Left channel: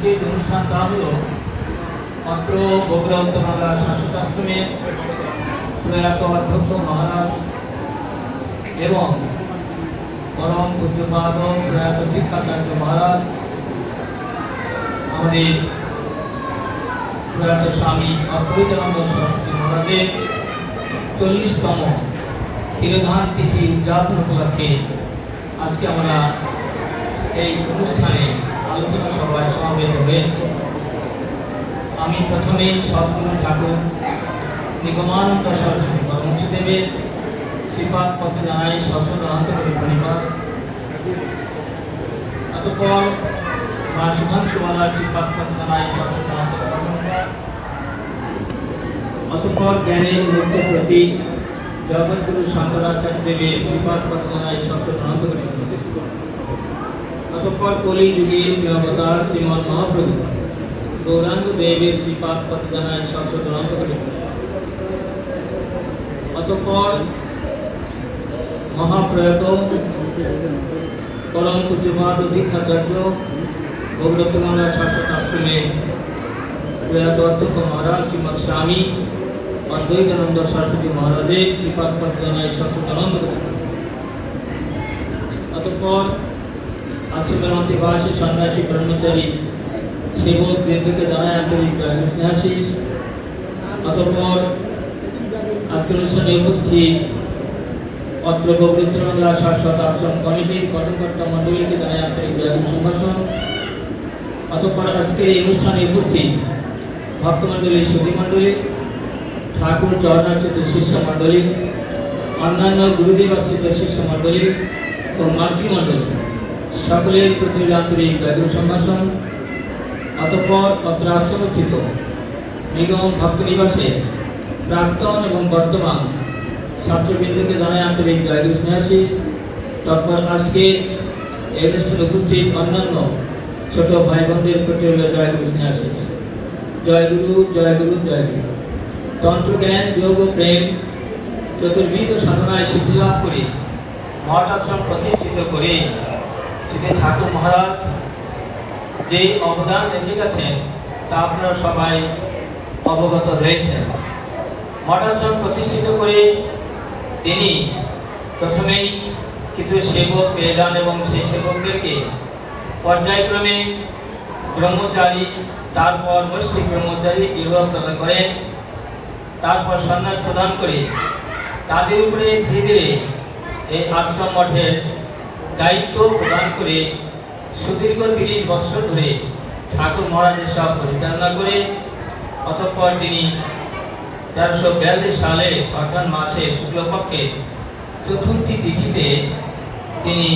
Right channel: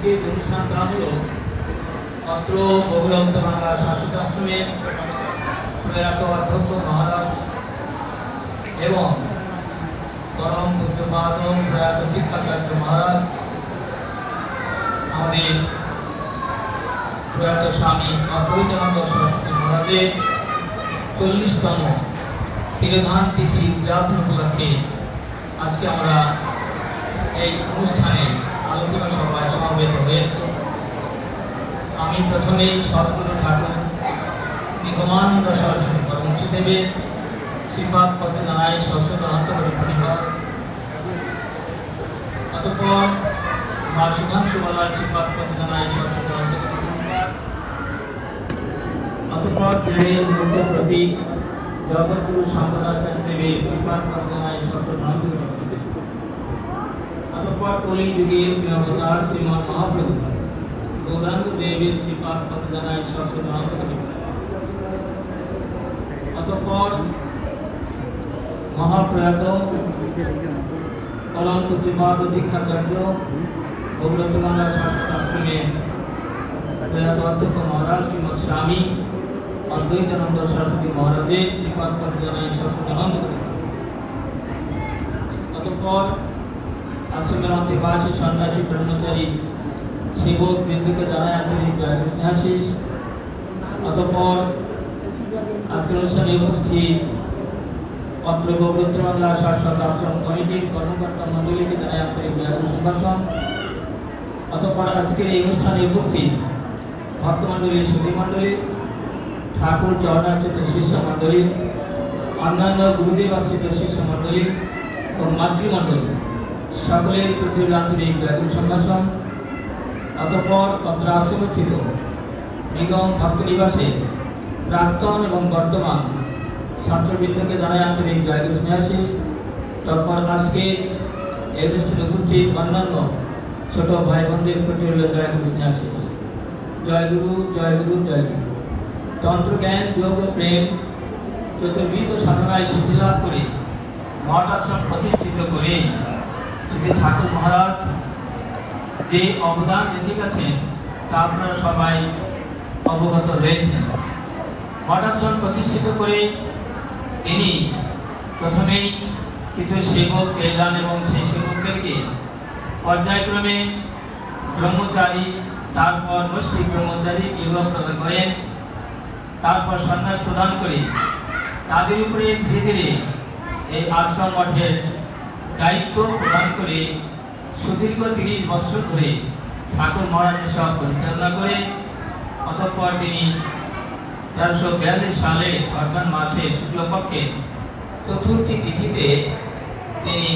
আজকের অনুষ্ঠানটা হলো, মাত্র বগুড়ন্ত বাংলা প্রয়াত অধ্যক্ষ মহারাজ এবং পরম পূজ্যপাদ প্রয়াত শিক্ষাচার্য মহারাজ, আমাদের প্রয়াত স্বামী অদ্বৈতানন্দ সরস্বতী মহারাজের চল্লিশতম তিরোধান তিথি উদযাপন উপলক্ষে আজকে আমরা এই অনুষ্ঠানে আলোচনা সভায় সমাবেত হয়েছে আমি প্রথমেই সদ্গুরু ঠাকুর, নিগমানন্দ সরস্বতী পরমহংসদেবের শ্রীপাদ পথে জানাই সরস্বত অন্তর্গত পরিবার অতঃপর মা সুভাষ বাংলার শ্রীপাদ পথে জানাই অন্তর্গত পরিবার অতঃপর জ্ঞানের মুক্ত প্রতীক জগৎগুরু শান্তনাথ দেবের শ্রীপাদ পথে জানাই সরস্বত অন্তর্গত অতঃপর কলি যুগের অবতার শ্রীমৎ মহাপ্রভু গৌরাঙ্গ দেবের শ্রীপাদ পথ জানায় সরস্বত অন্তর্গত অতঃপর মহাপ্রয়াত পরম প্রতিবাদ দীক্ষাচার্য ভগবত বাংলা শাসক আশ্রমে প্রয়াত অধ্যক্ষ মহারাজ শ্রীমৎ স্বামী অদ্বৈতানন্দ সরস্বতী মহারাজের শ্রীপাদ পথ জানায় সরস্বত অন্তর্গত অতঃপর আশ্রমের অন্তিবাসী সন্ন্যাসী ব্রহ্মচারী সেবক বৃন্দকে জানায় আন্তরিক স্নেহাশিস অতঃপর আজকের অনুষ্ঠানে উপস্থিত অত্র বাংলা শাশ্বত আশ্রম কমিটির কর্মকর্তা মন্ডলীকে জানায় আন্তরিক সম্ভাষণ। অতঃপর আজকের এই অনুষ্ঠানে উপস্থিত ভক্তমণ্ডলী সুধী মণ্ডলী ঠাকুর চরণার্চিত শিষ্য মণ্ডলী, অন্যান্য গুরুদেব আশ্রিত শিষ্য মণ্ডলী ও মাতৃমণ্ডলী সকলের প্রতি আন্তরিক সম্ভাষণ। অতঃপর অত্র আশ্রমস্থিত নিগম ভক্ত নিবাসে প্রাক্তন এবং বর্তমান ছাত্রবৃন্দকে জানায় আন্তরিক ব্যাগুর স্নেহাসী তারপর আজকে এই অনুষ্ঠানে উপস্থিত অন্যান্য ছোট ভাই বোনদের প্রতি জয়গুরু স্নেহাসী জয়গুরু জয়গুরু জয়গুরু তন্ত্র জ্ঞান, যোগ ও প্রেম চতুর্বিধ সাধনায় সিদ্ধি লাভ করে মঠ আশ্রম প্রতিষ্ঠিত করে শ্রী ঠাকুর মহারাজ। যে অবদান রেখে গেছেন তা আপনারা সবাই অবগত রয়েছেন। মঠাশ্রম প্রতিষ্ঠিত করে তিনি প্রথমেই কিছু সেবক পেয়ে যান এবং সেই সেবকদেরকে পর্যায়ক্রমে ব্রহ্মচারী, তারপর মুসলিম ব্রহ্মচারী বিবাহ প্রদান করেন তারপর সন্ন্যাস প্রদান করে, তাদের উপরে ধীরে ধীরে এই আশ্রম মঠের দায়িত্ব প্রদান করে সুদীর্ঘ তিরিশ বছর ধরে ঠাকুর মহারাজের সব পরিচালনা করে, অতঃপর তিনি তেরোশো বিয়াল্লিশ সালে অর্থাৎ মাসে শুক্লপক্ষে চতুর্থী তিথিতে তিনি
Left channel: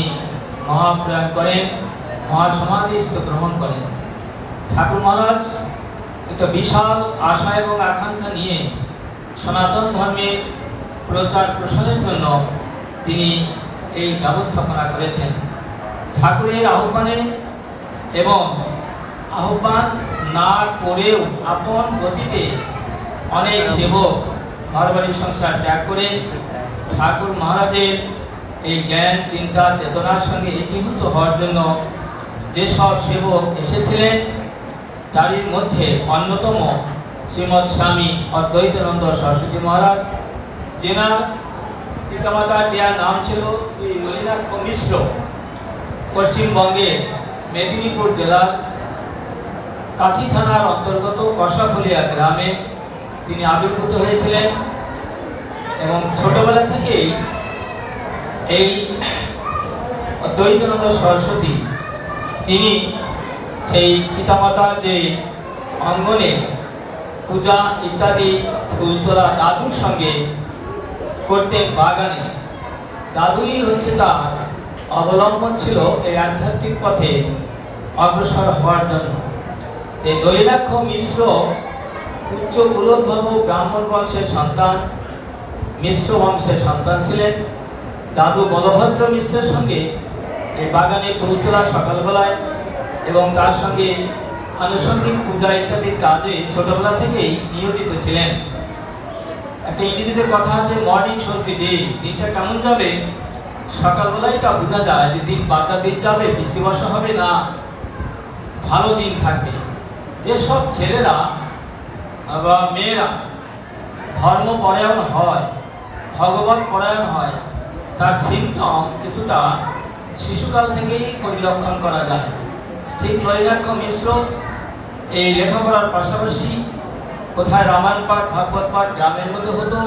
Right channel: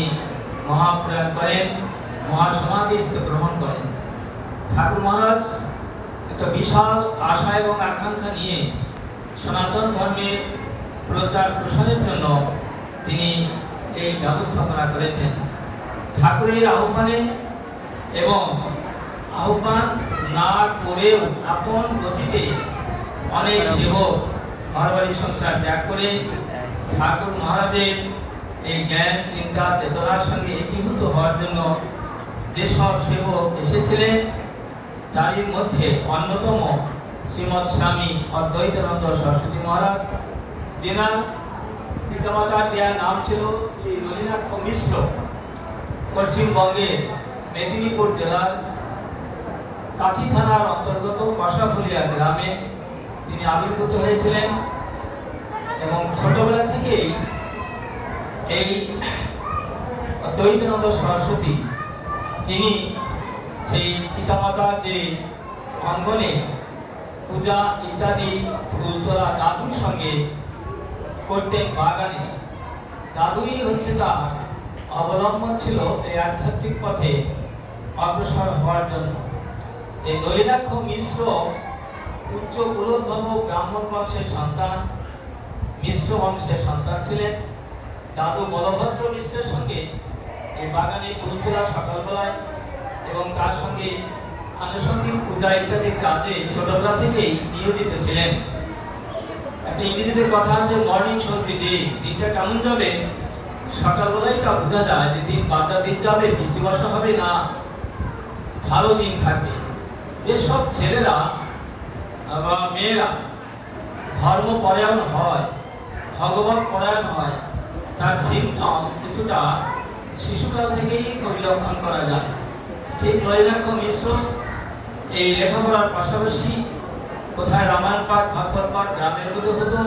মহাপ্রয়াণ করেন মহাসমাধি গ্রহণ করেন। ঠাকুর মহারাজ একটা বিশাল আশা এবং আকাঙ্ক্ষা নিয়ে সনাতন ধর্মের প্রচার প্রসারের জন্য তিনি এই ব্যবস্থাপনা করেছেন। ঠাকুরের আহ্বানে এবং আহ্বান না করেও আপন গতিতে অনেক সেবক বারবারই সংসার ত্যাগ করে ঠাকুর মহারাজের এই জ্ঞান, চিন্তা, চেতনার সঙ্গে একীভূত হওয়ার জন্য যেসব সেবক এসেছিলেন। তারই মধ্যে অন্যতম শ্রীমৎ স্বামী অদ্বৈতানন্দ সরস্বতী মহারাজ, যেনার পিতামাতার দেওয়ার নাম ছিল শ্রী নলিনাথ মিশ্র পশ্চিমবঙ্গের মেদিনীপুর জেলার কাঠি থানার অন্তর্গত কষাফুলিয়া গ্রামে তিনি আবির্ভূত হয়েছিলেন এবং ছোটবেলা থেকেই এই দ্বৈতনাথ সরস্বতী তিনি সেই পিতামাতার যে অঙ্গনে পূজা ইত্যাদি ফুলতোলা দাদুর সঙ্গে করতেন বাগানে দাদুই হচ্ছে তার অবলম্বন ছিল এই আধ্যাত্মিক পথে অগ্রসর হওয়ার জন্য। এই দৈরাক্ষ মিশ্র উচ্চ কুলোদ্ভব ব্রাহ্মণ বংশের সন্তান, মিশ্র বংশের সন্তান ছিলেন। দাদু বলভদ্র মিশ্রের সঙ্গে এই বাগানে পৌঁছলা সকালবেলায় এবং তার সঙ্গে আনুষঙ্গিক পূজা ইত্যাদির কাজে ছোটবেলা থেকেই নিয়োজিত ছিলেন। ইংরেজিতে কথা আছে মর্নিং সঙ্গে ডে দিনটা কেমন যাবে? সকালবেলায় তা বোঝা যায় যে দিন বারটা দিন যাবে বৃষ্টি বর্ষা হবে না, ভালো দিন থাকবে। যেসব ছেলেরা বা মেয়েরা ধর্মপরায়ণ হয়, ভগবত পরায়ণ হয়, তার সিমটম কিছুটা শিশুকাল থেকেই পরিলক্ষণ করা যায়। ঠিক নৈরাক্য মিশ্র এই লেখাপড়ার পাশাপাশি কোথায় রামায়ণ পাঠ, ভাগবত পাঠ, গ্রামের মধ্যে হতো,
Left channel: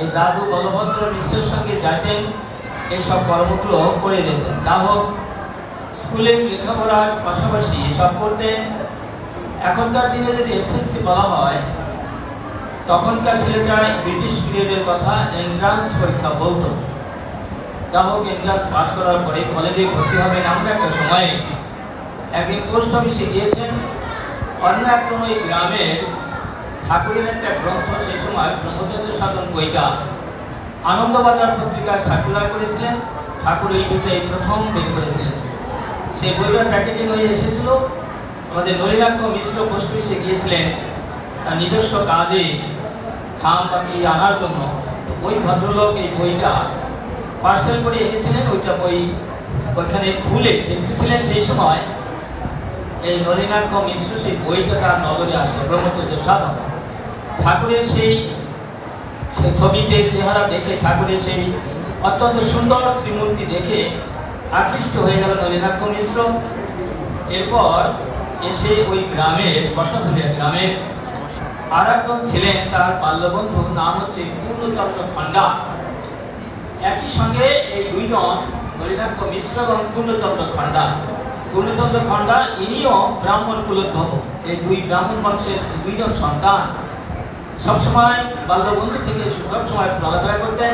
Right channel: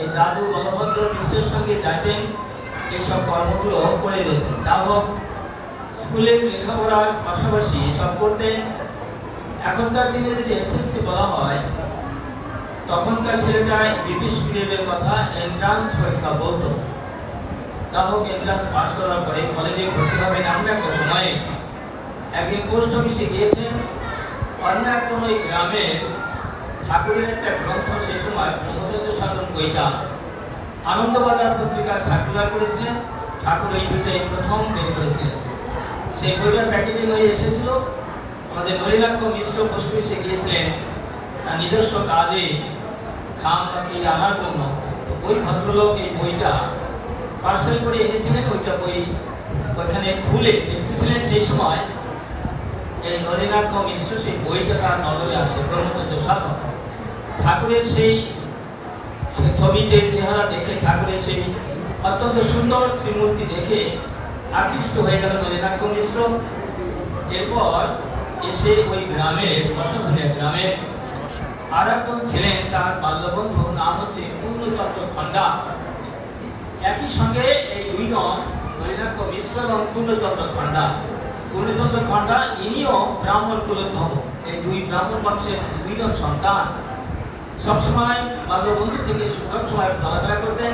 এই দাদু বলভদ্র মিশ্রের সঙ্গে যাতেন এইসব কর্মগুলো করে যেতেন তা হোক স্কুলের লেখাপড়ার পাশাপাশি এসব করতেন। এখনকার দিনে যদি এসএসসি বলা হয়, তখনকার ছেলেটায় ব্রিটিশ পিরিয়ডের কথা এন্ট্রান্স পরীক্ষা বলতো। যা হোক, এন্ট্রান্স পাশ করার পরে কলেজে ভর্তি হবেন আমরা একটা সময়ে। একদিন পোস্ট অফিসে গিয়েছেন, অন্য এক কোনো গ্রামের ঠাকুরের একটা গ্রন্থ সময় ব্রহ্মচন্দ্র সাধন বইটা আনন্দবাজার পত্রিকায় ঠাকুরা করেছিলেন। ঠাকুর এই বিষয়ে প্রথম বের করেছিলেন। সেই বইটার প্যাকেজিং হয়ে এসেছিল। আমাদের নৈরাক্য মিশ্র পোস্ট অফিসে গিয়েছিলেন তার নিজস্ব কাজে খাম আনার জন্য। ওই ভদ্রলোক এই বইটা পার্সেল করে এনেছিলেন। ওইটা বই ওইখানে খুলে দেখতেছিলেন সেই সময়। এই নলিনাক্ষ মিশ্র সেই বইটা তার নজরে আসে ব্রহ্মচর্য সাধন। ঠাকুরের সেই ছবিতে চেহারা দেখে ঠাকুরের সেই অত্যন্ত সুন্দর শ্রীমূর্তি দেখে আকৃষ্ট হয়ে গেল নলিনাক্ষ মিশ্র। এরপর এসে ওই গ্রামের বসাপুরিয়া গ্রামের আর একজন ছিলেন তার বাল্যবন্ধু, নাম হচ্ছে পূর্ণচন্দ্র খণ্ডা একই সঙ্গে এই দুইজন নলিনাক্ষ মিশ্র এবং পূর্ণচন্দ্র খণ্ডা পূর্ণচন্দ্র খণ্ডা ইনিও ব্রাহ্মণ কুলোদ্ভব এই দুই ব্রাহ্মণ বংশের দুইজন সন্তান। সবসময় বাল্যবন্ধু থেকে সবসময় চলাফেরা করতেন।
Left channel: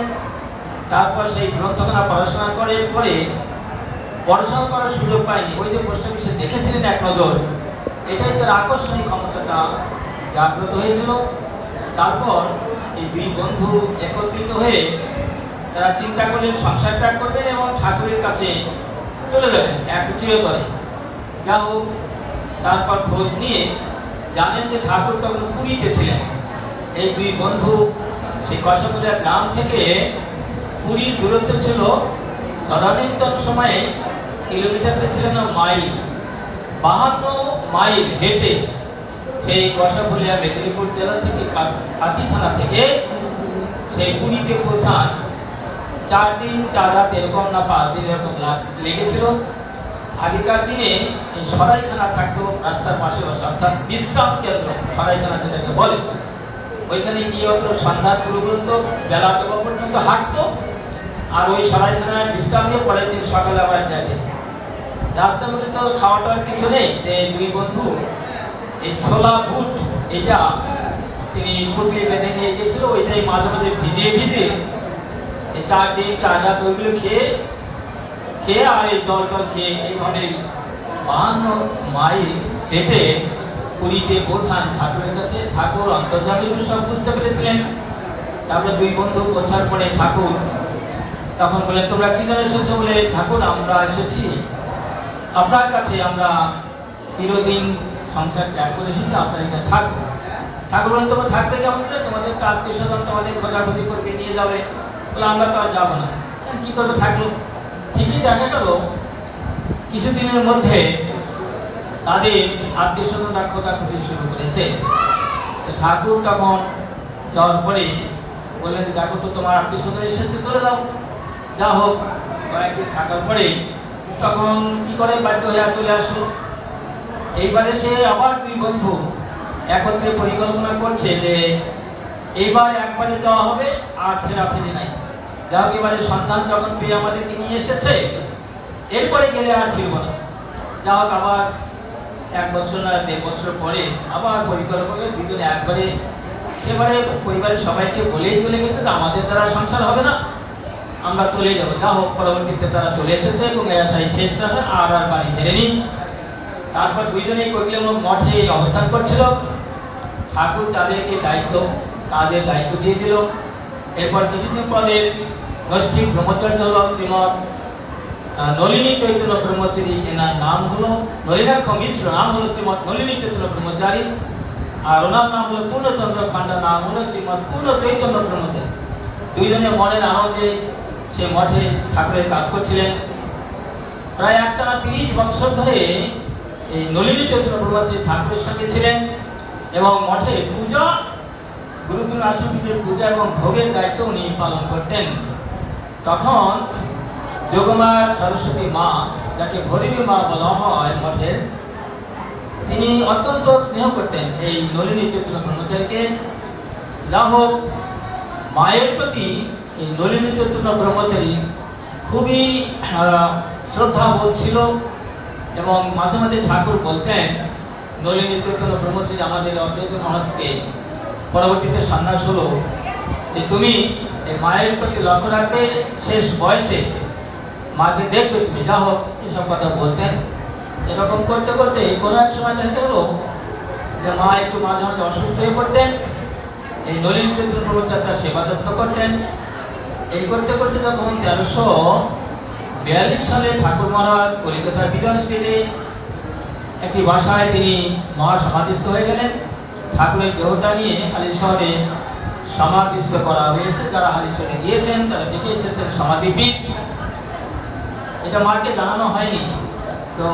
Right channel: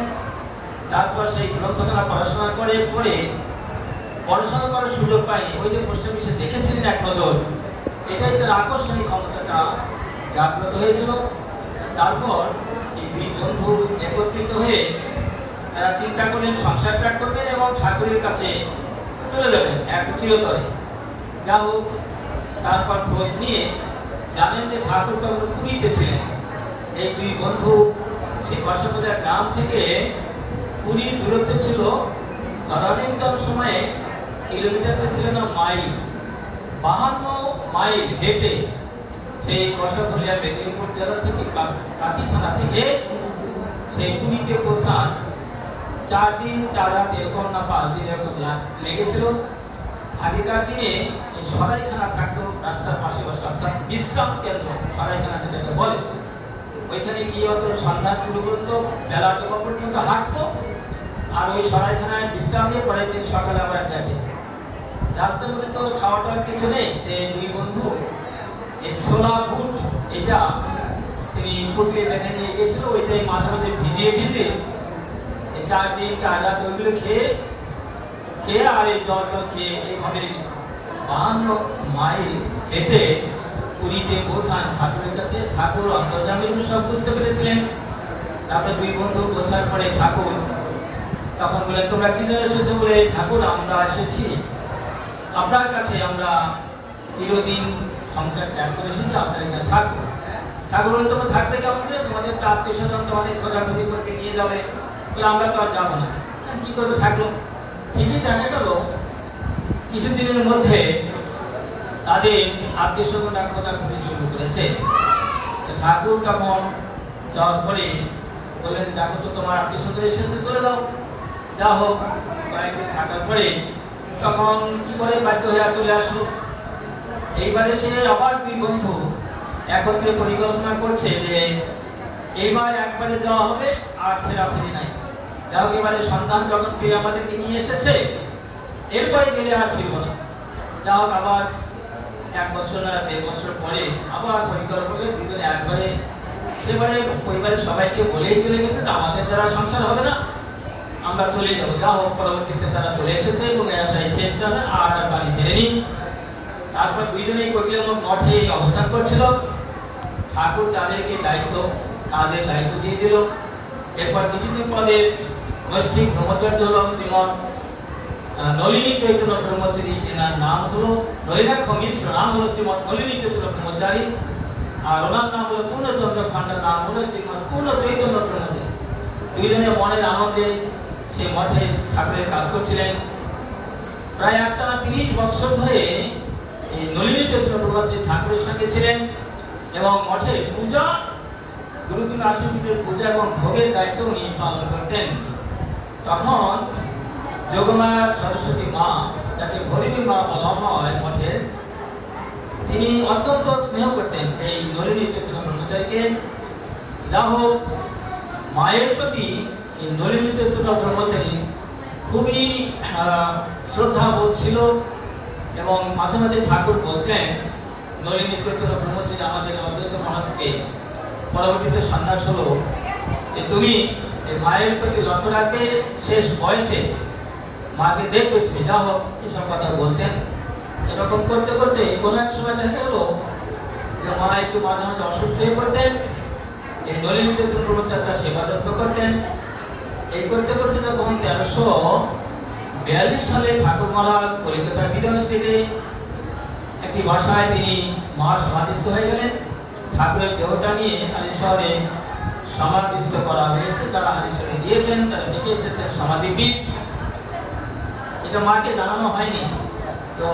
তারপর সেই গ্রন্থখানা পড়াশোনা করে পরে পড়াশোনা করার সুযোগ পায়নি। ওই যে পোস্ট অফিসে দেখেছিলেন এক নজর, এটাই তার আকর্ষণীয় ক্ষমতাটা। জাগ্রত হয়েছিল। তারপর এই দুই বন্ধু একত্রিত হয়ে তারা চিন্তা করলেন, সংসার ত্যাগ করবেন এবং ঠাকুরের কাছে চলে যাবেন এক চিরতরে। যা হোক, তারপর খোঁজ নিয়ে জানেন যে ঠাকুর তখন পুরীতে ছিলেন। এই দুই বন্ধু সেই কষাপুরের গ্রাম থেকে পুরীর দূরত্ব ছিল তদানীন্তন সময়ে কিলোমিটারতে ছিল না মাইল, বাহান্ন মাইল হেঁটে সেই কষাপুরিয়া মেদিনীপুর জেলা থেকে কাঁথি থানা থেকে সেই পুরীতে পৌঁছান। চার দিন, চার রাত এরকম না পাঁচ দিন এরকম লাগ- লেগেছিল। আগেকার দিনে সরাইখানা থাকতো, রাস্তার পাশে অর্থাৎ বিশ্রাম কেন্দ্র সরাইখানা যেটাকে বলে। ওইখানে গিয়ে হতো সন্ধ্যা পর্যন্ত বেলা তখন পর্যন্ত হাঁটতো? আর ওই সরাইখানায় বিশ্রাম নিয়ে পরের দিন সকালে আবার যাবে। রাস্তার মধ্যে তো খাওয়া টাওয়ার কিছু নেই। যে দুই বন্ধু, এই ছোলা বুট, এটা তিনি পুটলি বেঁধে নিয়ে গিয়েছিল ওইটাই মাঝে মাঝে ভিজিয়ে ভিজিয়ে এই চার দিন চার রাত ওইগুলো খেয়ে খেয়ে আর এই জল জল খেয়ে এইভাবে বাহান্ন মাইল হেঁটে পুরীতে পৌঁছান ঠাকুরের কাছে, ঠাকুর অন্তর্জামী সব বুঝতে পেরেছিলেন? তারপরে দুই বন্ধু পৌঁছার পরে ঠাকুর তখন বলে, তোমরা কি জন্য এসেছ বলে, ঠাকুর, আমরা এসেছি। আপনার কাছে আমরা চিরদিন সংসার ত্যাগ করে এসেছি, আপনার এখানে থাকব। ঠাকুর তোমরা থাকতে কেমন করে তোমাদের তো আত্মীয় তোমাদের খোঁজাখুঁজি করতে নিয়ে যাবে। বলে, আমরা তো আর যাব না। কি করবে থাকল? ঠিকই দেখা গেল কিছুদিনের মধ্যে তাদের আত্মীয় স্বজনরা খোঁজাখুঁজি শুরু করেছে। ঠাকুর তখন যাওয়ার পরে বললেন, দেখো তো, তোমার আত্মীয় স্বজন এসেছে চলে দাও যা হোক, কয়েকদিন থাকার পরে তখন কি করে বাধ্য হয়ে চলে আসলো? এইবারে সে আবার দুই বন্ধু এখন যে পরিকল্পনা করছে যে এইবার একবারে দেওয়া হবে, আর ফেরা ফিরে নাই। যা হোক, এবারে সন্তান যখন পেয়ে আমাদেরকে নিয়ে এসেছে, এরপরে গেলে আর ফিরবো না। যা হোক, আবার এক বছর না দেড় বছর পরে আবার পরিকল্পনা দুজনে একবারে সেবারে পরিবারের সবাইকে বলেই চলে গেছে যে আমাদের দ্বারা সংসার হবে না। আমরা চলে যাব। যা হোক পরবর্তীতে তারা চলে এসেছে এবং এরা তাই শেষ না আর আর বাড়ি ফেরেনি। তারপর দুইজনেই কৈকের মঠে অবস্থান করছিল। ঠাকুর তাদেরকে দায়িত্ব তাদের দায়িত্ব দিয়ে দিল। এরপর কিছুদিন পরে নৈষ্ঠিক ব্রহ্মচর্য হল শ্রীমৎ আহ, নলিনী চৈতন্য ব্রহ্মচারী এনার নাম হলো নলিনাক্ষ মিশ্র নাম হলো শ্রীমৎ নলিনী চৈতন্য ব্রহ্মচারী আর ওনার নাম হলো পূর্ণচন্দ্র খান্ডার নাম হলো শ্রীমৎ পূর্ণ চৈতন্য ব্রহ্মচারী দুইজনে মনের আনন্দে সে মঠে ঠাকুরের কাজ করছিলেন প্রায় একটা তিরিশ বছর ধরে এই নলিনী চৈতন্য প্রভাতী ঠাকুরের সঙ্গে ছিলেন এবং মঠে পূজা গুরুকুল আশ্রমের পূজা এবং ভোগের দায়িত্ব উনি পালন করতেন তখন যোগমার সরস্বতী মা, যাকে হরিবী মা বলা হয় মঠের তিনি অত্যন্ত স্নেহ করতেন এই নলিনী চৈতন্য ব্রহ্মচারীকে যা হোক, মায়ের প্রতি এই নলিনী চৈতন্য ব্রহ্মচারী খুবই শ্রদ্ধাবোধ ছিল এবং মাঝে মাঝে ঠাকুর বলতেন, নলিনী চৈতন্য ব্রহ্মচারী আমাদের অদ্বৈত মানুষকে পরবর্তীতে সন্ন্যাস হলো। যে তুমি মায়ের প্রতি লক্ষ্য রাখবে, শেষ বয়সে মাকে দেখবে যা হোক, এসব কথা বলতেন এরকম করতে করতে কোনো এক সময় দেখা গেল যে মা একটু মাঝে মাঝে অসুস্থ হয়ে পড়তেন। এই নলিন চন্দ্র প্রভুচার সেবা যত্ন করতেন। এই করতে করতে যখন তেরোশো বিয়াল্লিশ সালে ঠাকুর মহারাজ কলিকাতার বিরাজ থেকে একটি বাসায় তিনি মহা সমাধিস্থ হয়ে গেলেন। ঠাকুরের দেহটা নিয়ে হালি শহরে সমাধিস্থ করা হয়েছে। যারা হালি শহরে গিয়েছেন, তারা দেখে এসেছেন সমাধিপীঠ। এটা মাকে জানানো হয়নি, তো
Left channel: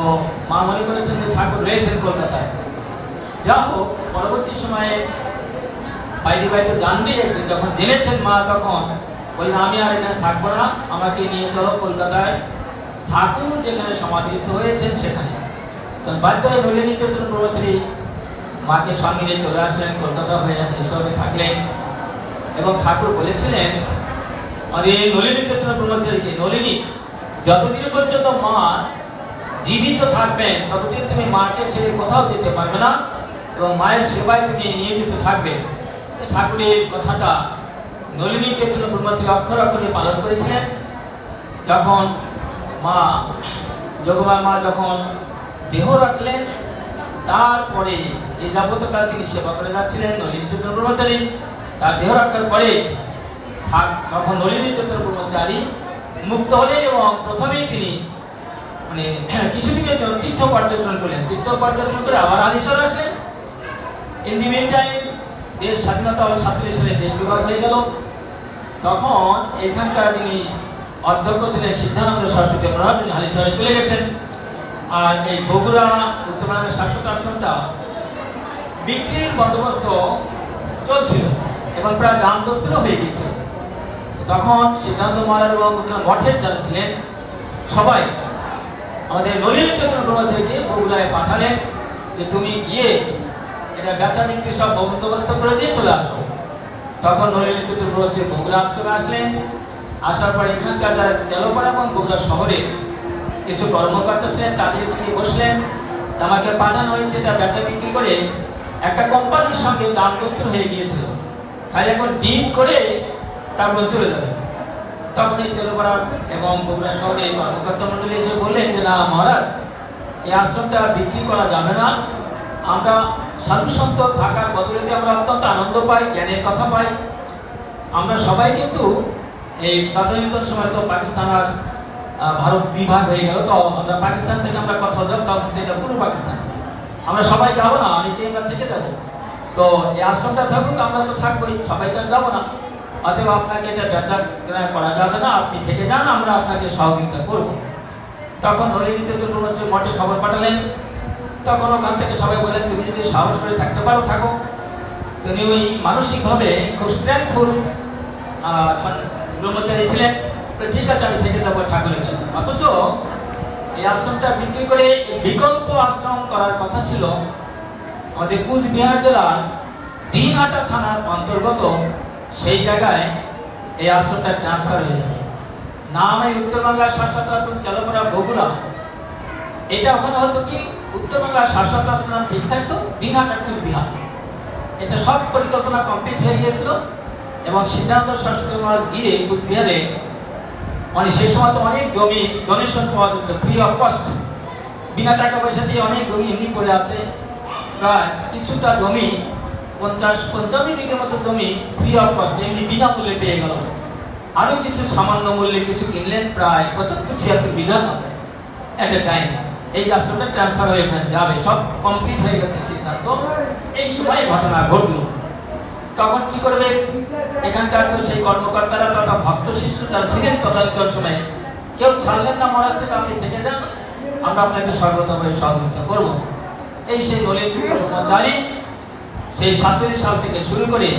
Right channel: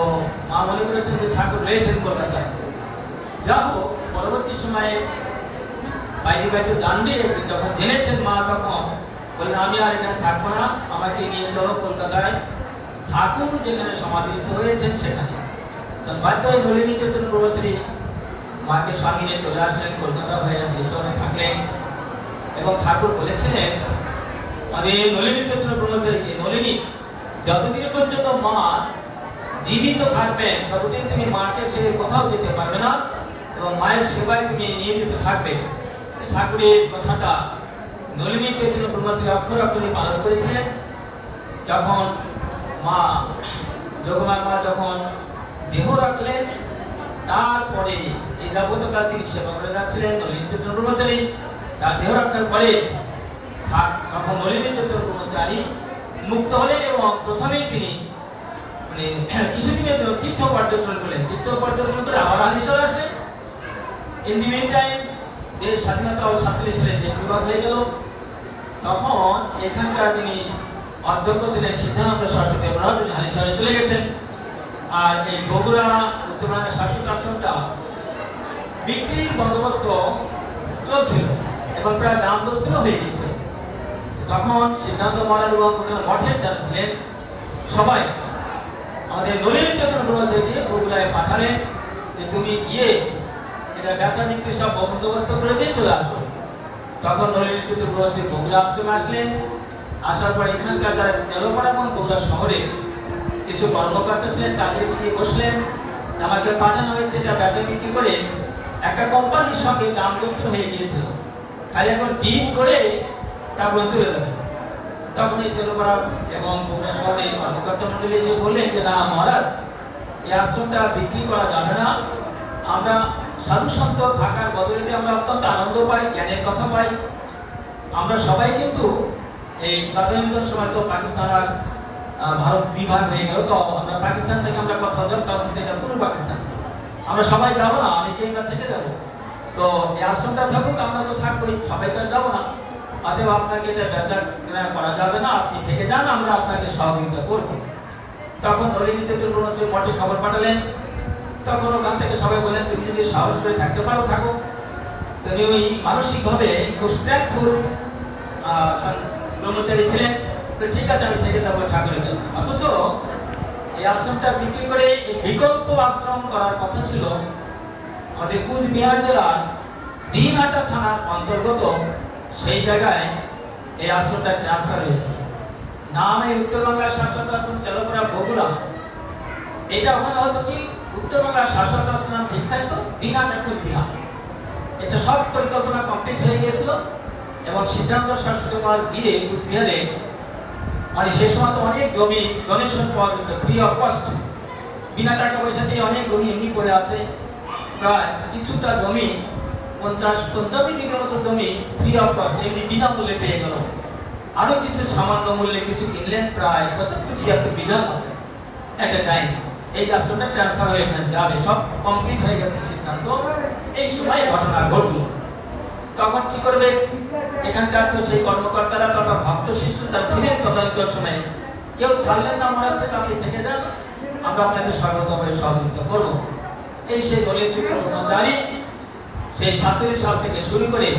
মা মনে করেছেন যে ঠাকুর রয়েছেন কলকাতায় যা হোক, পরবর্তী সময়ে বাইরে বাইরে জানবে যখন জেনেছেন মা তখন, বললেন, আমি আর এখানে থাকব না, আমাকে নিয়ে চলো কলকাতায়। ঠাকুর যেখানে সমাধিত হয়েছেন সেখানে। বাধ্য হয়ে ধরে নিতে প্রভুশ্রী মাকে সঙ্গে চলে আসলেন, কলকাতা হয়ে সেইভাবে থাকলেন। এবং ঠাকুর বলেছিলেন আরে নলিনী কৃষ্ণ ব্রহ্মচারী নলিনী যতদিন পর্যন্ত মা জীবিত থাকবেন ততদিন তুমি মাকে ছেড়ে কোথাও যেতে পারবে না, এবং মায়ের সেবায় তুমি নিয়োজিত থাকবে। ঠাকুরের কথাটা নলিনী চৈতন্য ব্রহ্মচারী অক্ষর অক্ষরে পালন করেছিলেন। যখন মা যোগমার মা যখন দেহ রাখলেন, তারপরে এই যাবতীয় তিনি সেবা করে যাচ্ছিলেন, নলিনী চৈতন্য ব্রহ্মচারী তার দেহ রাখার পরে তখন নলিনী চৈতন্য ব্রহ্মচারী মুক্ত হলেন এবং প্রথমেই তিনি মানে কিছুদিনের জন্য তীর্থ পর্যটন করলেন। তীর্থ পর্যটন করে আবার আলিশ্বর আসলেন। ইন্ডিপেন্ডেন্ট দেশ স্বাধীনতা ও সাতচল্লিশ সালে দেশ বিভাগ হয়ে গেল। তখন এখানকার তিনি অধ্যক্ষ ছিলেন সিদ্ধানন্দ সরস্বতী মহারাজ হালিশহরে চলে গেছেন। আর এই বগুড়া উত্তরবঙ্গের শাসক আশ্রমটা বিক্রির বন্দোবস্ত চলছিল। এবং প্রায় দাম দত্তও হয়ে গেছিল তখন সিদ্ধান্ত মহারাজ এবং মঠের যারা ছিলেন, সবাই আমাদের নলিন চন্দ্র থেকে বগুড়ায় পাঠালেন যে তুমি গিয়ে এটা ব্যবসা বিক্রি সব বন্দোবস্ত করে দিয়ে চলে আসো। তখন নলিন চন্দ্র বগুড়া চলে আসলেন। আসার পর এখানকার যারা তেলপাড়া এবং বগুড়া শহরে কিছু কর্মকর্তা ছিলেন, তাদের তিনি বসলেন। আমাকে পাঠানো হয়েছে এটা ব্যবসা বিক্রি করে? একটা কোম্পানির সঙ্গে দাম হয়ে গিয়েছিল। খালি এখন দিন করে তারপর চলে যাবে। তখন এই তেলপাড়া এবং বগুড়া শহরে কর্মকর্তা মন্ডলী এসে বললেন যে, না, মহারাজ, এই আশ্রমটা বিক্রি করা যাবে না। আমরা সাধু থাকার বদলে আমরা অত্যন্ত আনন্দ পাই, জ্ঞানের কথা পাই। আমরা সবাই কিন্তু এই তদানীন্তন সময় তো পাকিস্তান আর ভারত বিভাগ হয়ে গেল, তো আমরা পাকিস্তান থেকে আমরা কথা বলতাম তখন সেটা পুরো পাকিস্তান। আমরা সবাই যাব না অনেকে আমরা থেকে যাব। তো এই আশ্রমটা থাকুক, আমরা তো থাকবোই, সবাই তো যাব না। অতএব আপনাকে এটা করা যাবে না, আপনি থেকে যান, আমরা আপনাকে সহযোগিতা করব। তখন হরিণীতে দুর্গতি মঠে খবর পাঠালেন, তখন ওখান থেকে সবাই বললেন, তুমি যদি সাহস করে থাকতে পারো, থাকো। তিনি ওই মানসিকভাবে খুব স্ট্রেংথফুল ব্রহ্মচারী ছিলেন, তো ঠিক আছে, আমি থেকে যাব ঠাকুরের জন্য। অথচ এই আশ্রমটা বিক্রি করে বিকল্প আশ্রম করার কথা ছিল আমাদের কুচবিহার জেলার দিনহাটা থানার অন্তর্গত সেই জায়গায় এই আশ্রমটা ট্রান্সফার হয়েছে। নাম এই উত্তরবাংলার শাসক আশ্রম চালকরা বগুড়া। এটা ওখানে হতো কি উত্তরবাংলার শাসক আশ্রম ঠিক থাকতো দিনহাটা কুচবিহার এটা সব পরিকল্পনা কমপ্লিট হয়ে গিয়েছিল এবং সিদ্ধান্ত শাসক মহারাজ গিয়ে কুচবিহারে মানে সে সময় তো অনেক জমি ডোনেশন পাওয়া যেত ফ্রি অফ কস্ট বিনা টাকা পয়সা দিয়ে অনেক জমি এমনি পড়ে আছে। প্রায় কিছুটা জমি পঞ্চাশ পঞ্চাশ বিঘের মতো জমি ফ্রি অফ কস্ট এমনি বিনামূল্যে পেয়ে গেল। আরও কিছু সামান্য মূল্যে কিছু কিনলেন প্রায় পঁচাত্তর ছিয়াত্তর মতো একটা টাইম এই রাষ্ট্রটা ট্রান্সফার হয়ে ওখানে যাবে। সব কমপ্লিট হয়ে গেছে সিদ্ধান্ত। এই সময় ঘটনা ঘটলো। তখন কি করবে? এখানকার তো সেই কর্মকর্তারা, তথা ভক্ত শিষ্য যারা ছিলেন তদানীন্তন সময়ে, কেউ ছাড়লেন না মহারাষ্ট্রে কাউকে থেকে যান আমরা আপনাকে সর্বতভাবে সহযোগিতা করব। এই সেই দলের জানি সেই সাতচল্লিশ সাল থেকে শুরু করে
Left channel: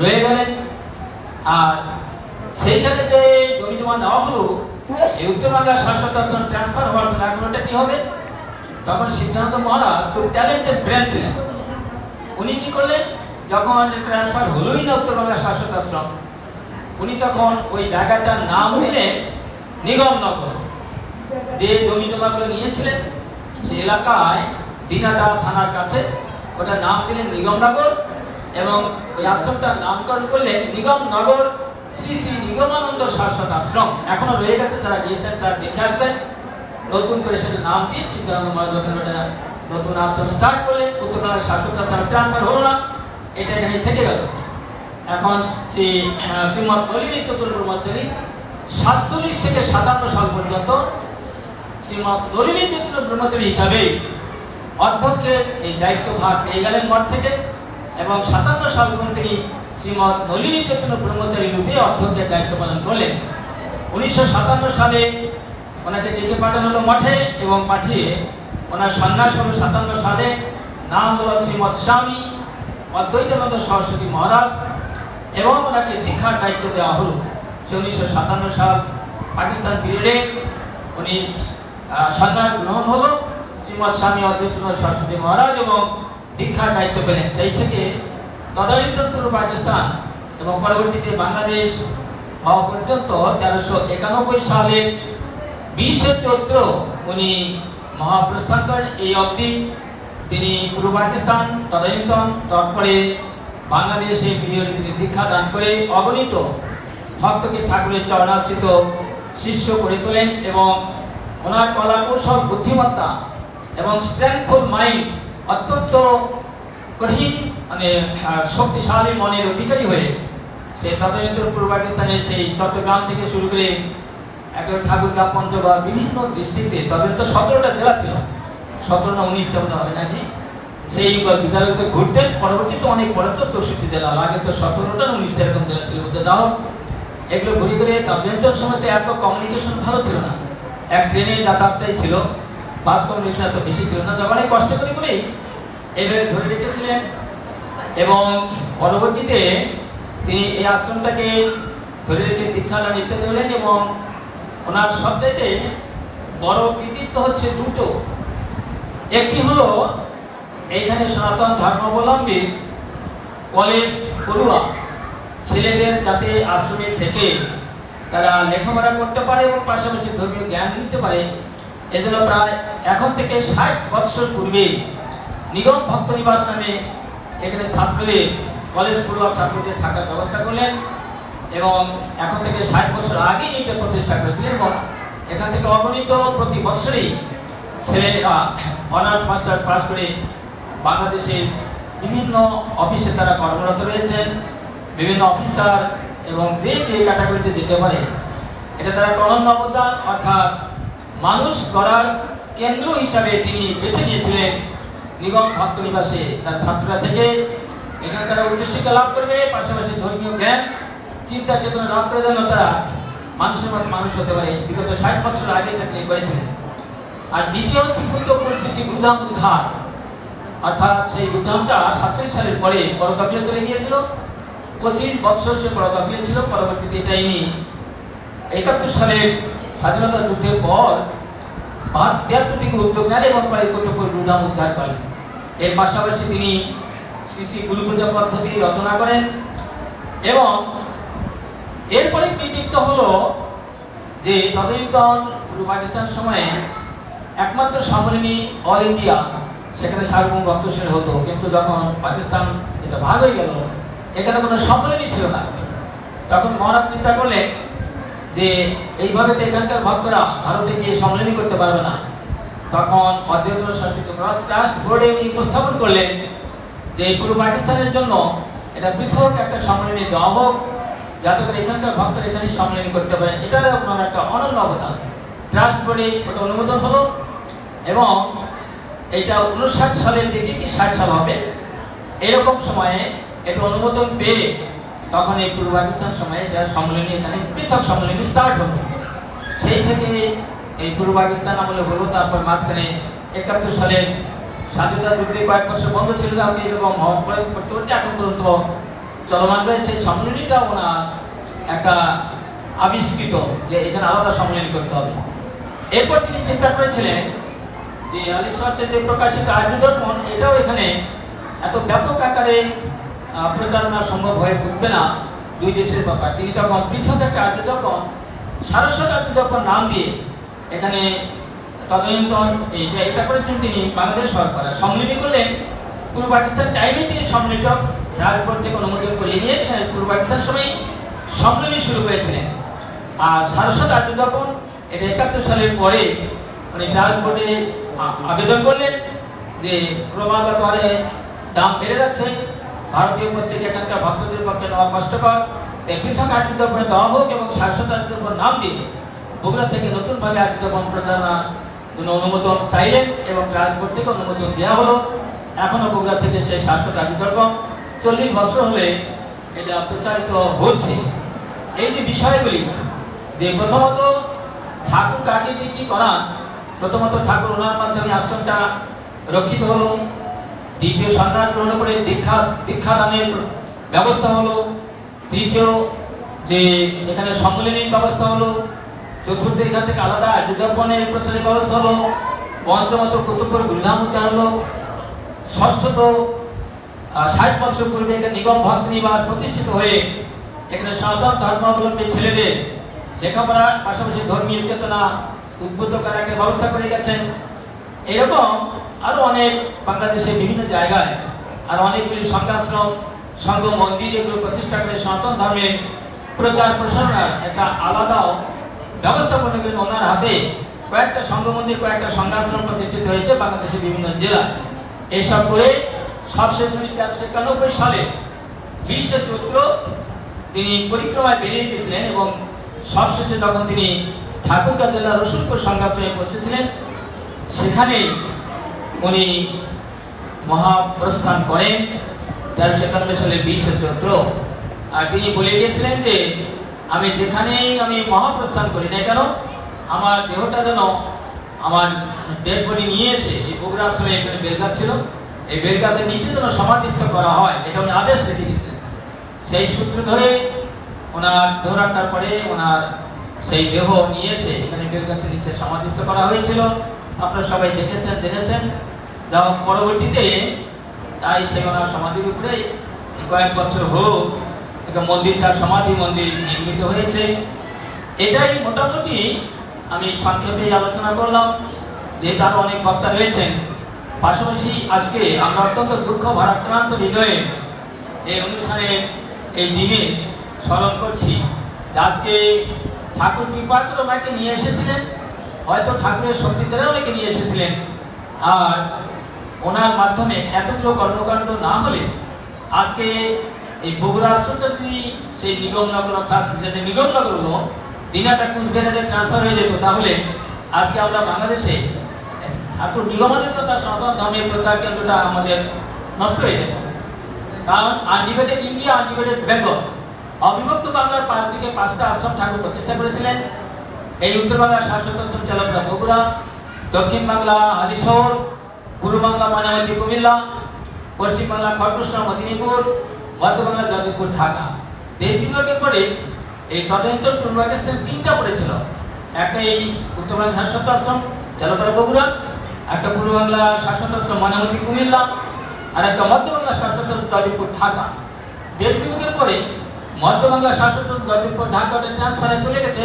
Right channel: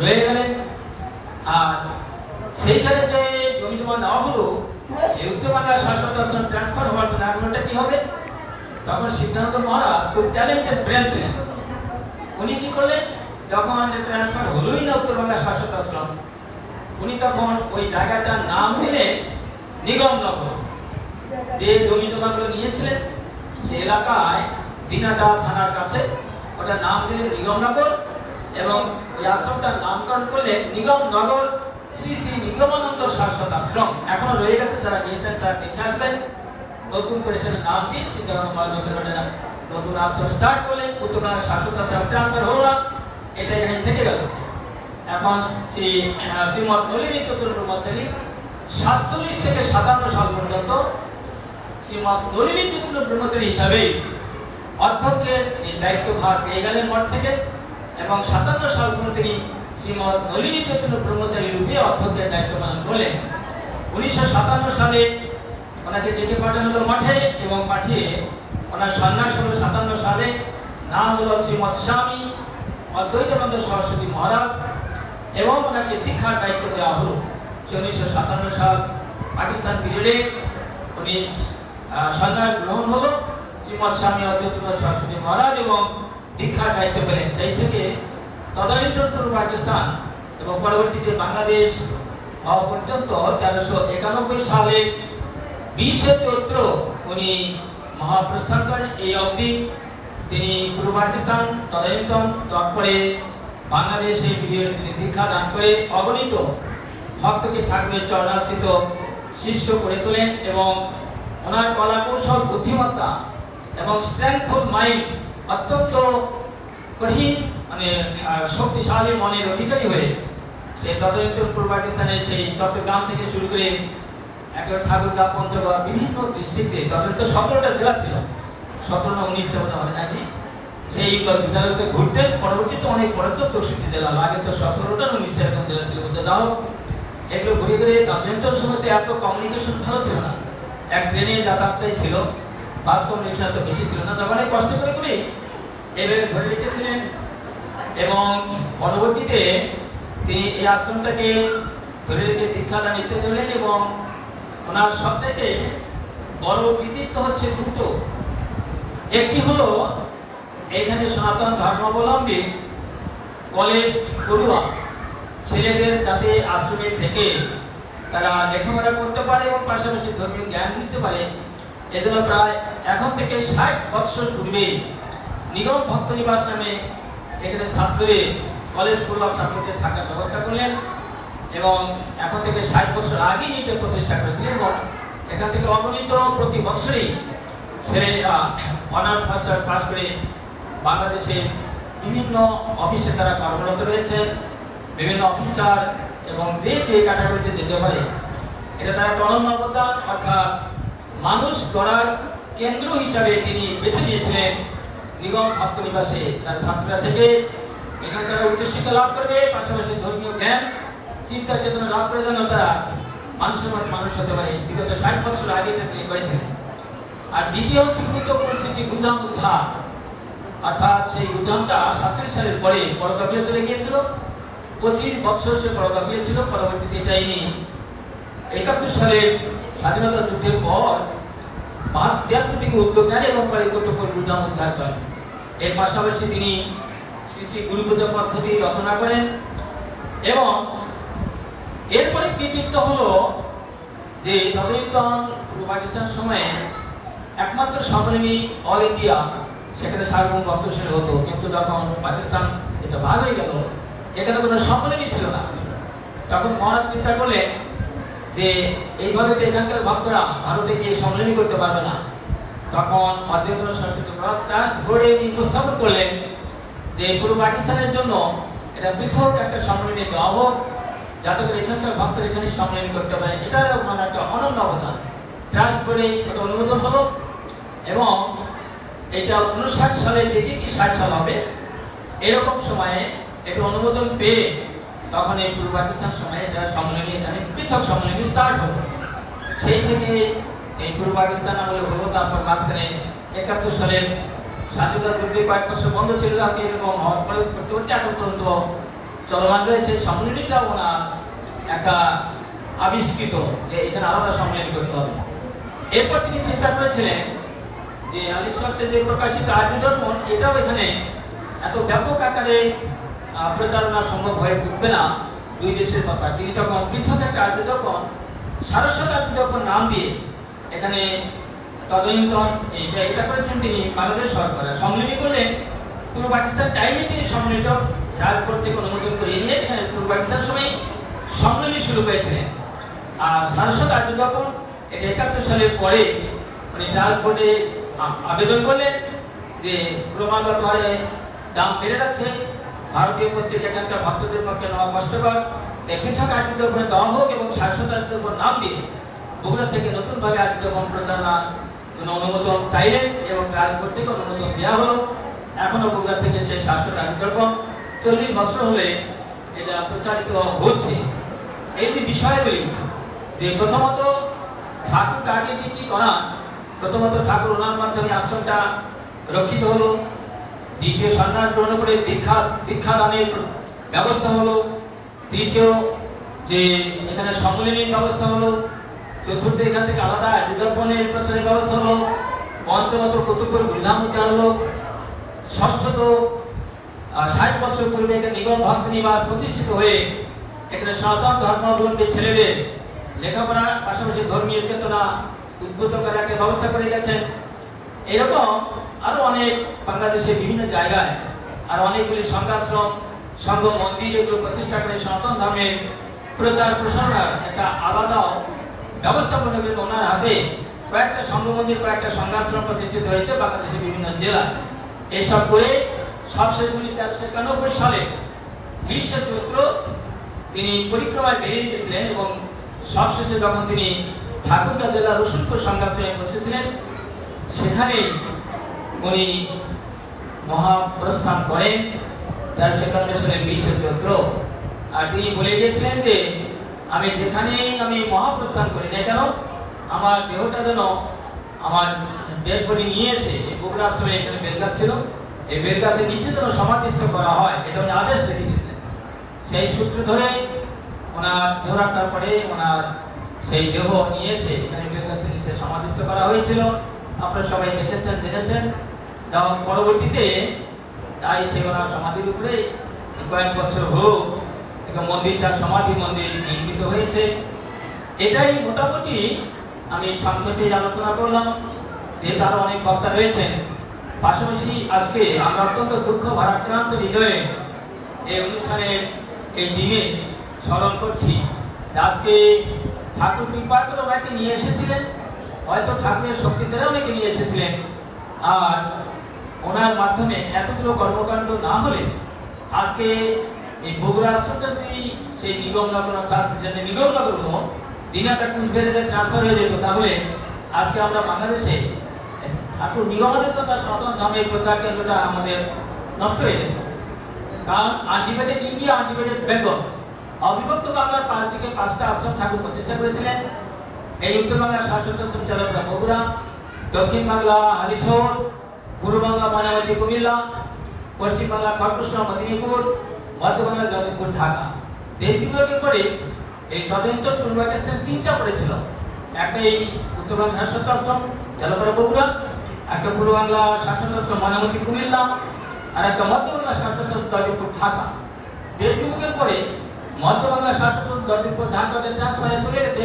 রয়ে গেলেন। আর সেইখানে যে জমি জমা নেওয়া হলো, এই উত্তর বাংলার শাসক ট্রান্সফার হওয়ার ব্যাপারটা কি হবে? তখন সিদ্ধান্ত মহারাজ খুব ট্যালেন্টেড ব্রেন ছিলেন। উনি কি করলেন? যখন ট্রান্সফার হলোই না উত্তর বাংলার আশ্রম উনি তখন ওই জায়গাটার নাম দিলেন নিগমনগর যে জমি জমাগুলো নিয়েছিলেন সে এলাকায় দিনাটা থানার কাছে ওটার নাম দিলেন নিগমনগর এবং ওই আশ্রমটার নামকরণ করলেন নিগমনগর শ্রী শ্রী নিগমানন্দ শাসক আশ্রম। এখনও রয়ে গেছে যারা গিয়েছেন তারা দেখে আসবেন। নতুন করে সেটা নাম দিয়ে সিদ্ধান্ত মহাজনের নতুন আশ্রম স্টার্ট করলেন উত্তরবাংলার শাসক আশ্রম ট্রান্সফার হলো না। এটা এখানে থেকে গেল। এখন শ্রী আহ, শ্রীমৎ নলিনী চতুর ব্রহ্মচারী সাতচল্লিশ থেকে সাতান্ন সাল পর্যন্ত শ্রীমৎ নলিনী চতুর ব্রহ্মচারী হিসাবে অধ্যক্ষের এই দায়িত্বভার পেয়ে গেলেন মঠ থেকে এবং সাতান্ন সাল তিনি শ্রীমৎ নলিনী চৈতন্য ব্রহ্মচারী রূপে অধ্যক্ষের দায়িত্ব পালন করলেন। উনিশশো সাতান্ন সালে ওনাকে ডেকে পাঠানো হলো মঠে এবং পাঠিয়ে ওনার সন্ন্যাস হলো সাতান্ন সালে নাম হলো শ্রীমৎ স্বামী অদ্বৈতানন্দ সরস্বতী মহারাজ এবং ওনাকে দীক্ষার দায়িত্ব দেওয়া হলো। সে উনিশশো সাতান্ন সাল পাকিস্তান পিরিয়ডে উনি সন্ন্যাস গ্রহণ হলো। শ্রীমৎ স্বামী অদ্বৈতানন্দ সরস্বতী মহারাজ এবং দীক্ষার দায়িত্ব পেলেন। সেই থেকে তদানীন্তন পূর্ব পাকিস্তান এবং পরবর্তীতে বাংলাদেশ হওয়া পর্যন্ত তেরোশো একানব্বই সালের বিশে চৈত্র উনি মহাপ্রস্থান করেন। এই অবধি তিনি পূর্ব পাকিস্তান তদানীন্তন তারপরে বাংলাদেশে তিনি দীক্ষা দান করে অগণিত ভক্তকে ঠাকুরের চরণাশ্রিত শিষ্য করে তোলেন এবং ওনার কলা কৌশল বুদ্ধিমত্তা এবং স্ট্রেংথফুল মাইন্ড অত্যন্ত কঠিন মানে শক্তিশালী মনের অধিকারী হয়ে সে পূর্ব পাকিস্তানের সেই চট্টগ্রাম থেকে শুরু করে একবার ঠাকুরগাঁ, পঞ্চগড় বিভিন্ন ডিস্ট্রিক্টে তবে তো সতেরোটা জেলা ছিল। সতেরো না উনিশটা মতো হবে নাকি? সেই বিদ্যালয়গুলোতে ঘুরতেন পরবর্তীতে অনেক পরে তো চৌষট্টি জেলা। আগে তো সতেরোটা উনিশটা এরকম জেলা ছিল। বলতে যাও এগুলো ঘুরে ঘুরে তদন্তর সময় এত কমিউনিকেশন ভালো ছিল না। এক ট্রেনে যাতায়াতটাই ছিল। বাস কমিউনিকেশন এত বেশি না তখন অনেক কষ্ট করে করে এদের ধরে রেখেছিলেন। এবং পরবর্তীতে তিনি এই আশ্রমটাকে ধরে রেখে দীক্ষাদান ইত্যাদি হলেন এবং ওনার সবথেকে বড় কৃতিত্ব হচ্ছে দুটো। একটি হলো এইখানে সনাতন ধর্মাবলম্বী কলেজ পড়ুয়া ছেলেদের যাতে আশ্রমে থেকে তারা লেখাপড়া করতে পারে এবং পাশাপাশি ধর্মীয় জ্ঞান দিতে পারে এজন্য প্রায় এখন থেকে ষাট বৎসর পূর্বে নিগম ভক্ত নিবাস নামে এখানে ছাত্রদের কলেজ পড়ুয়া ছাত্রদের থাকার ব্যবস্থা করলেন এবং এখন থেকে ষাট বছর আগেই এটা প্রতিষ্ঠা করেছিলেন এবং এখান থেকে অগণিত প্রতি বছরই ছেলেরা অনার্স মাস্টার পাস করে বাংলাদেশের বিভিন্ন অফিসে তারা কর্মরত রয়েছেন বিভিন্ন অফিসার এবং দেশ এই ক্যাটাগরিতে যেতে পারে, এটা তারা অনন্য অবদান, অর্থাৎ মানুষ গড়ার কেন্দ্র হিসাবে তিনি বেছে নিয়েছিলেন নিগম ভক্ত নিবাসে। তার ছাত্ররা থেকে এখানে তারা উচ্চশিক্ষা লাভ করবে, পাশাপাশি ধর্মীয় জ্ঞান, চিন্তা চেতনা লাভ করে যেন তারা মানুষের মতো মানুষ হতে পারে। বিগত ষাট বছর আগে থেকে করেছেন। আর দ্বিতীয় হচ্ছে গুরুত্ব পরিস্থিতি গুদাম উদ্ধার। অর্থাৎ সেই গুদামটা সাতচল্লিশ সালের পরে পরকাপীয় চলে গিয়েছিল। পঁচিশ বছর সে পরকাপীয় ছিল, পরবর্তীতে চাইনি একাত্তর সালে স্বাধীনতা যুদ্ধের পর পাঁচ তিয়াত্তর থেকে উদ্যোগ নেন এবং প্রায় কতক্ষণ গুদাম উদ্ধার করেন। এর পাশাপাশি তিনি শ্রী শ্রী গুরু পূজা পদ্ধতি রচনা করেন এবং এরপরে কৃতিত্ব হলো যে তদনীতন পূর্ব পাকিস্তান সময়ে একমাত্র সম্মেলনী অল ইন্ডিয়া, সেখানে সার্বভৌম রক্তশীল হতো। কিন্তু যখন পাকিস্তান এটা ভাগ হয়ে গেল, এখানে কোনো সম্মেলনী ছিল না। তখন মহারাজ চিন্তা করলেন যে এইভাবে তো এখানকার ভক্তরা ভারতে গিয়ে সম্মেলনী করতে পারবে না, তখন অধ্যক্ষ সংস্কৃত ট্রাস্ট বোর্ডে উনি উপস্থাপন করলেন যে পূর্ব পাকিস্তানের জন্য, এটা পৃথক একটা সম্মেলনী দেওয়া হোক, যাতে করে এখানকার ভক্তরা এখানে সম্মেলন করতে পারে। এটা ওনার একটা অনন্য অবদান। ট্রাস্ট বোর্ডে ওটা অনুমোদন হলো এবং এটা উনষাট সালের দিকে কি ষাট সাল হবে, এরকম সময়ে এটা অনুমোদন পেয়ে তখন এই পূর্ব পাকিস্তান সময়ে এটা সম্মেলনী এখানে পৃথক সম্মেলনী স্টার্ট হলো। সেই থেকে এই পূর্ব পাকিস্তান আমলে হলো, তারপর মাঝখানে একাত্তর সালের স্বাধীনতা যুদ্ধে কয়েক বছর বন্ধ ছিল, আপনি এরকম হওয়ার পরে পরবর্তী এখন পর্যন্ত চলমান রয়েছে। সম্মিলনীটা ওনার একটা আবিষ্কৃত যে এখানে আলাদা সম্মিলনী করতে হবে। এরপর তিনি চিন্তা করেছিলেন যে আলী সত্ত্বে যে প্রকাশিত আর্য এটাও এখানে এত ব্যাপক আকারে আহ, প্রচারণা সম্ভব হয়ে উঠবে না। দুই দেশের ব্যাপার তিনি তখন পৃথক একটা আর্য দর্পণ সারস্বত আর্য দর্পণ নাম দিয়ে এখানে তদন্তন এইটা এটা করেছেন তিনি বাংলাদেশ সরকার সম্মিলিত করলেন পূর্ব পাকিস্তান টাইমে তিনি সম্মিলিত রাজপথ থেকে অনুমোদন করিয়ে নিয়ে এখানে পূর্ব পাকিস্তান সময় সম্মিলনী শুরু করেছিলেন। আর সারস্বত আর্য দর্পণ এটা একাত্তর সালের পরে মানে কোর্টে আবেদন করলেন যে ক্রমাগত দাম বেড়ে যাচ্ছে। ভারতীয় পত্রিকা এখানকার ভক্তদের পক্ষে নেওয়া কষ্টকর। তাই পৃথক আর্থিক করে দেওয়া হোক এবং শাশ্বত আর্থিক নাম দিয়ে বগুড়া থেকে নতুন ভাবে আর্থিক প্রচারণা জন্য অনুমোদন চাইলেন এবং রাজকোট থেকে অনুমোদন দেওয়া হলো। এখনও বগুড়া থেকে সেই শাশ্বত আর্থিক চল্লিশ বছর হলে এটা প্রচারিত হচ্ছে। এই যে বিষয়গুলি, যে প্রথমত ঠাকুর কাকে যে কি করা, প্রথমত ঠাকুর ওনার মাধ্যমে আশ্রমটা রক্ষিত হলো। দ্বিতীয় সন্ন্যাস গ্রহণ করে দীক্ষা দীক্ষা দানের ব্যবস্থা হলো। তৃতীয় যে এখানে সম্মিলনীর ব্যবস্থা হলো, চতুর্থ এখান থেকে আলাদা যুদ্ধপণের প্রচারের ব্যবস্থা হলো পঞ্চমত কতুপুর গুলধাম উদ্যান হলো। ষষ্ঠত ষাট বছর পূর্বে এখানে নিগম ভক্ত নিবাস প্রতিষ্ঠিত হয়ে এখানে সনাতন ধর্মাবলম্বী ছেলেদের লেখাপড়া পাশাপাশি ধর্মীয় চেতনা উদ্বুদ্ধ করার একটা ব্যবস্থা করে গেছেন। এরকম আরও অনেক বাংলাদেশের বিভিন্ন জায়গায় আর অনেকগুলি সংঘাশ্রম সংঘ মন্দির এগুলো প্রতিষ্ঠা করে সনাতন ধর্মের প্রচার প্রসারণার একটা আলাদা ব্যবস্থাপনা কিন্তু ওনার হাতে কয়েকটা সংঘ মন্দির, কয়েকটা সংঘাশ্রম প্রতিষ্ঠিত হয়েছে বাংলাদেশের বিভিন্ন জেলায় এইসব করে সবশেষ উনিশশো একানব্বই সালে বিশ্বের চৈত্র তিনি পরিক্রমায় বেরিয়ে গেছিলেন এবং সবশেষে যখন তিনি ঠাকুরগাঁ জেলার রসুলপুর সংঘাতে বসেছিলেন, সেখানে উনি মহাপ্রস্থান করেন তেরোশো একানব্বই সালের বিশে চৈত্র। আর তিনি বলে গিয়েছিলেন যে, আমি যেখানেই আমি মহাপ্রস্থান করি না কেন, আমার দেহটা যেন আমার ডেড বডি নিয়ে এসে এই বগুড়া আশ্রমে এখানে বেলগাছ ছিল। এই বেলগাছের নিচে যেন সমাধিস্থ করা হয়, এটা উনি আদেশ রেখে সেই সূত্র ধরে ওনার দৌড়াটার পরে ওনার সেই দেহ নিয়েছে এখানে বেলগাছের নিচে সমাধিস্থ করা হয়েছিল। আপনারা সবাই দেখেছেন জেনেছেন এবং পরবর্তীতে তাই সে ওনার সমাধির উপরে কয়েক বছর হোক, একটা মন্দির, তার সমাধি মন্দির নির্মিত হয়েছে। এটাই মোটামুটি আমি সংক্ষেপে আলোচনা করলাম, যেহেতু আরও অনেক বক্তা রয়েছেন। পাশাপাশি আজকে আমরা অত্যন্ত দুঃখ, ভারাক্রান্ত হৃদয়ে এই অনুষ্ঠানের এই দিনে স্মরণ করছি। আজকে ঠাকুর কৃপা করে ওনাকে নিয়ে এসেছিলেন, হয়তো ঠাকুরের শক্তি ধরে ওনাকে নিয়ে এসেছিলেন। আর ওনার মাধ্যমে এতগুলো কর্মকাণ্ড না হলে আজকে এই বগুড়া যদি সেই নিগমনগর অর্থাৎ যেটা নিগমনগর হলো দিনাটা কুচবিহারে ট্রান্সফার হয়ে যেত, তাহলে আজকে আমরা বাংলাদেশে নিগমানের তার সনাতন ধর্মের প্রচার কেন্দ্রটা আমাদের নষ্ট হয়ে যেত কারণ আনডিভাইডেড ইন্ডিয়া আনডিভাইডেড বেঙ্গল, অবিভক্ত বাংলার পাঁচ দিকে পাঁচটা আশ্রম ঠাকুর প্রতিষ্ঠা করেছিলেন। এই উত্তর বাংলার শাসক চালকরা বগুড়া, দক্ষিণ বাংলা হালিশহর পূর্ব বাংলা ময়নামতি কুমিল্লা পশ্চিম বাংলা খড়গপুর মেদিনীপুর মধ্য বাংলা যাদবপুর ঢাকা। দেশ বিভাগের পরে এই স্বতন্ত্র পূর্ব পাকিস্তান তিনটা পড়েছিল। একটা এই উত্তর বাংলা শাসক আশ্রম জলপাড়া বগুড়া, একটা পূর্ব বাংলা আশ্রম ময়নামতি কুমিল্লা, আর একটা মধ্য বাংলা আশ্রম যাদবপুর ঢাকা। দেশ বিভাগের পরে মধ্য বাংলা আশ্রম যাদবপুর ঢাকা ট্রান্সফারে চলে গেছে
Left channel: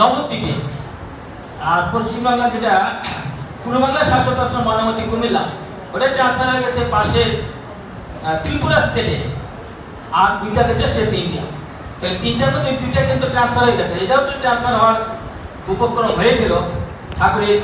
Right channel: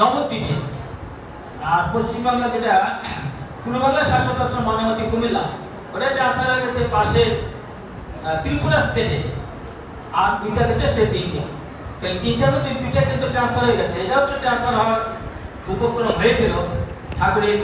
নবদ্বীপে। আর পশ্চিমবাংলা যেটা পূর্ব বাংলা শাসক আশ্রম ময়নামতি কুমিল্লা ওটা ট্রান্সফার হয়ে গেছে পাশের ত্রিপুরা স্টেটে আর দুইটা গেছে সে তিনটা। তো এই তিনটার মধ্যে দুইটা কিন্তু ট্রান্সফার হয়ে গেছে। এটাও তো ট্রান্সফার হওয়ার উপক্রম হয়েছিল। ঠাকুরের